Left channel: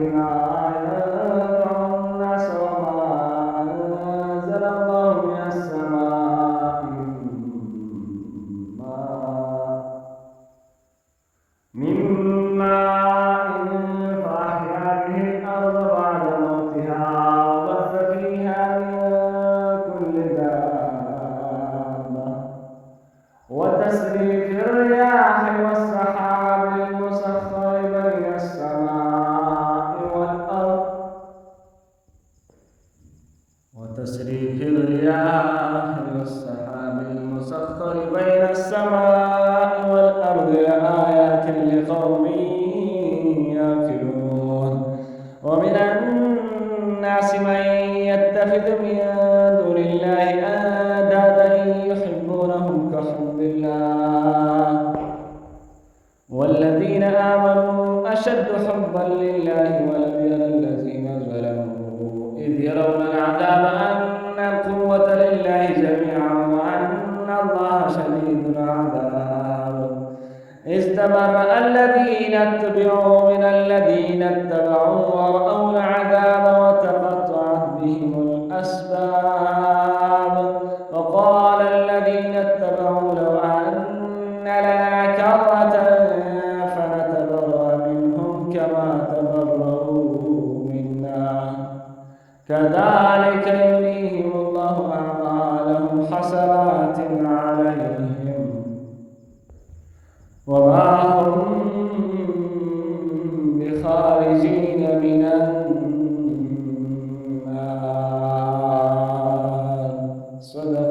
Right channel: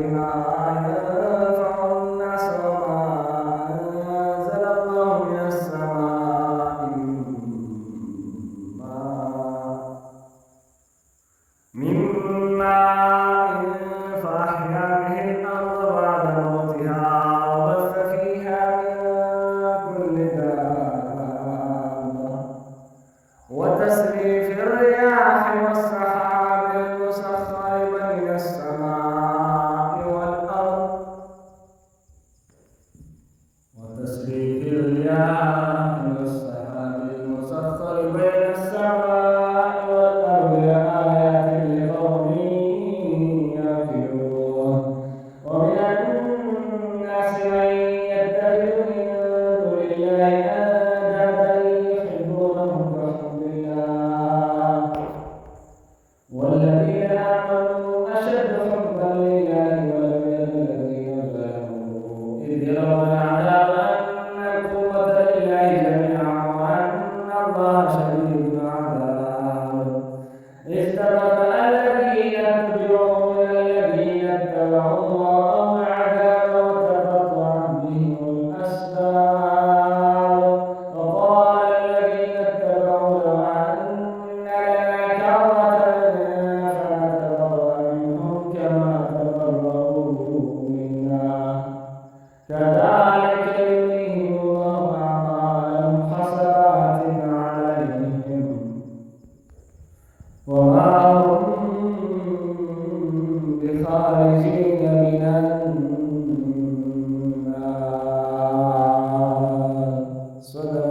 ما ينفع الناس وما أنزل الله من السماء من ماء فأحيا به الأرض بعد موتها وبث فيها من كل دابة وتسريف الرياح والسحاب المسخر بين السماء والأرض وتسريف الرياح والسحاب المسخر بين السماء والأرض لآيات لقوم يعقلون ومن الناس من يتخذ من دون الله أندادا يحبونهم كحب الله والذين آمنوا أشد حبا لله ولو يرى الذين ظلموا إذ يرون العذاب أن القوة لله جميعا وأن الله شديد العذاب إذ تبرأ الذين اتبعوا من الذين اتبعوا ورأوا العذاب وتقطعت بهم الأسباب وقال الذين اتبعوا لو أن لنا كرة فنتبرأ منهم كما تبرأوا منا كذلك يريهم الله أعمالهم حسرات عليهم وما هم بخارجين من النار. صدق